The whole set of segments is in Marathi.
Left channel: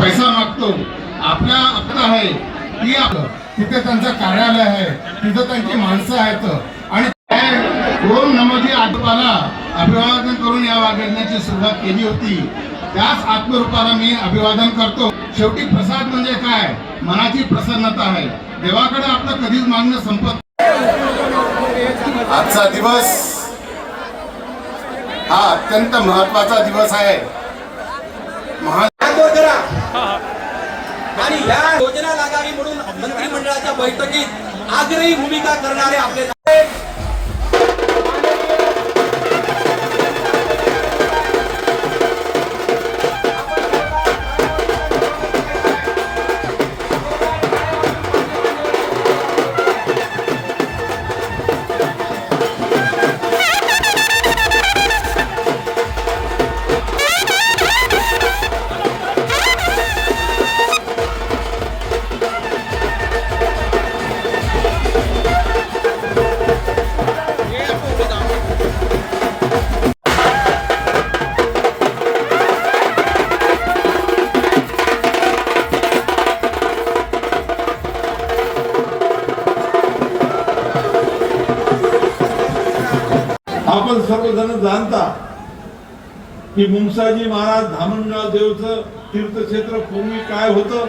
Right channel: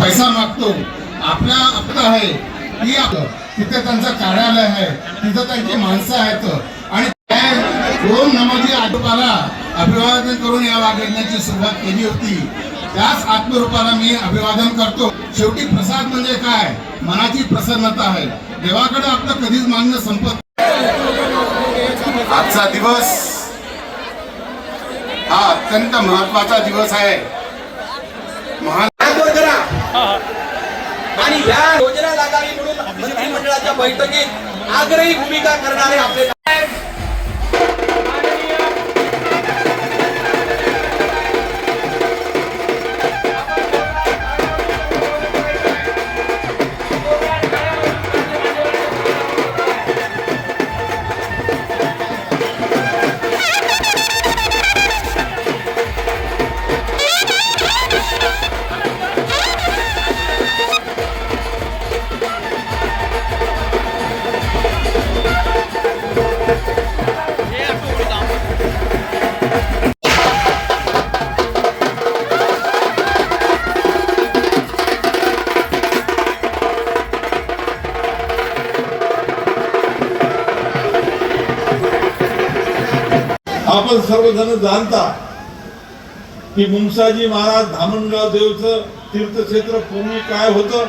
पैसा मागतो. आपला आपलं आहे. ती आपलं. तिथे त्यांचं कार्यालय आहे. तिथे त्यांची माणसं आहेत. आणि ओम दोन आजोबाला अभिवादन करून या वागण्याची सुरुवात केली होती. त्याच आत्मरूपाला मी अभिवादन करतो. शेवटी प्रसाद म्हणजे काय? मनाची प्रसन्नता आहे. देवाकडे आपलं कधीच मागणं संपत आजचा दिवस हा अत्यंत महत्त्वाचा दिवस आहे. आणि या योजना लागावी म्हणून मंत्रिमंडळाच्या बैठकीत आग्रही भूमिका करणारे आपले आपण सर्वजण जाणता की मुंगसाजी महाराज धामणगाव देवचं तीर्थक्षेत्र पूर्वी काय होतं?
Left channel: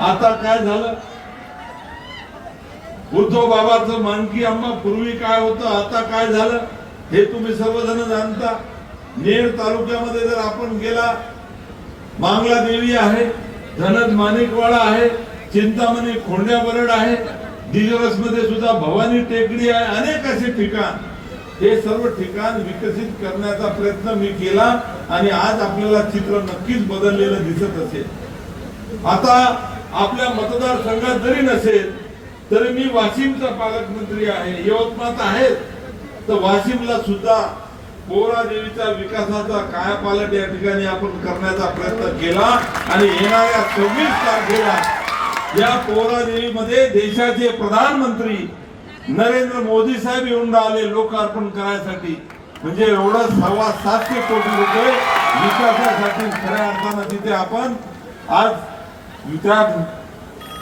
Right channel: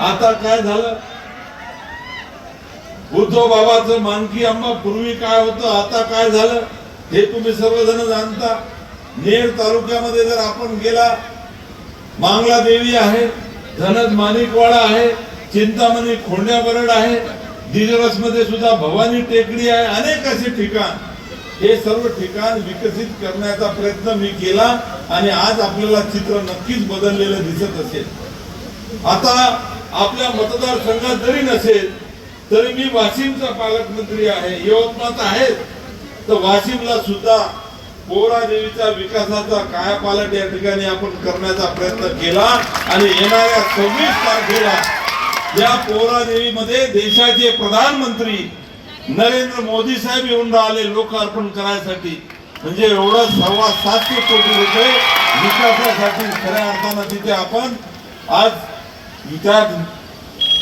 आता काय झालं? उद्धव बाबाचं मानकी आंबा पूर्वी काय होतं? आता काय झालं? हे तुम्ही सर्वजण जाणता. नेर तालुक्यामध्ये जर आपण गेला मांगला देवी आहे धनद माणिकवाडा आहे चिंतामणी खोंड्या बरड आहे दिजरसमध्ये सुद्धा भवानी टेकडी आहे अनेक असे ठिकाण. हे सर्व ठिकाण विकसित करण्याचा प्रयत्न मी केला आणि आज आपल्याला चित्र नक्कीच बदललेलं दिसत असेल. आता आपल्या मतदारसंघात जरी नसेल तरी मी वाशिमचा पालकमंत्री आहे यवतमाळात आहेत तर वाशिमला सुद्धा पोरा देवीचा विकासाचा कायापालट या ठिकाणी आपण करण्याचा प्रयत्न केला आणि येणाऱ्या सव्वीस तारखेला या पोरा देवीमध्ये देशाचे प्रधानमंत्री नरेंद्र मोदी साहेब येऊन राहिले लोकार्पण करायसाठी. म्हणजे एवढं सव्वा सातशे कोटी रुपये विकासासाठी खऱ्या अर्थानं तिथे आपण आज त्या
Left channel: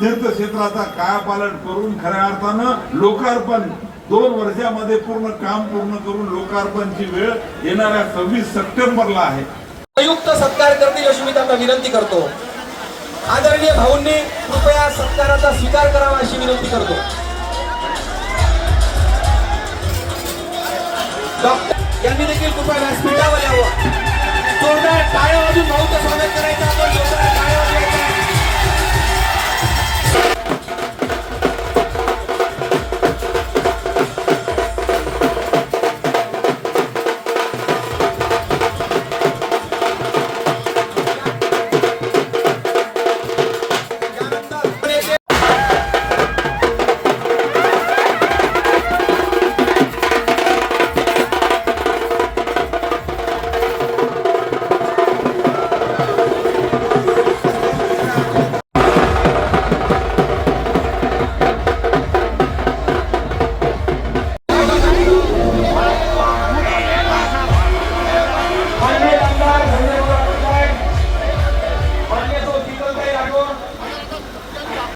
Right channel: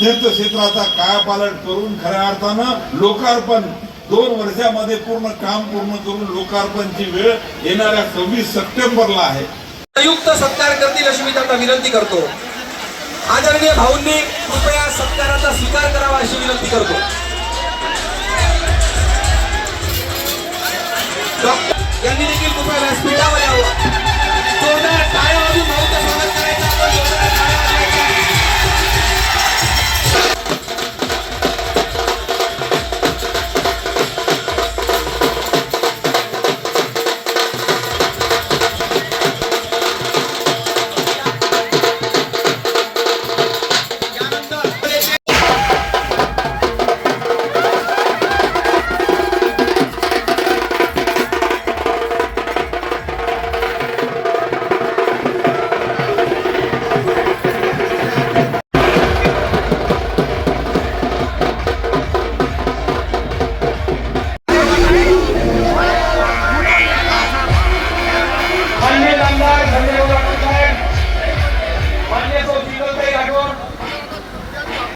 तीर्थक्षेत्राचा कायापालट करून खऱ्या अर्थानं लोकार्पण दोन वर्षामध्ये पूर्ण काम पूर्ण करून लोकार्पणची वेळ येणाऱ्या सव्वीस सप्टेंबरला आहे. संयुक्त सत्कार करतील अशी मी त्यांना विनंती करतो. आदरणीय भाऊंनी कृपया सत्काराचा स्वीकार करावा अशी विनंती करतो. 자.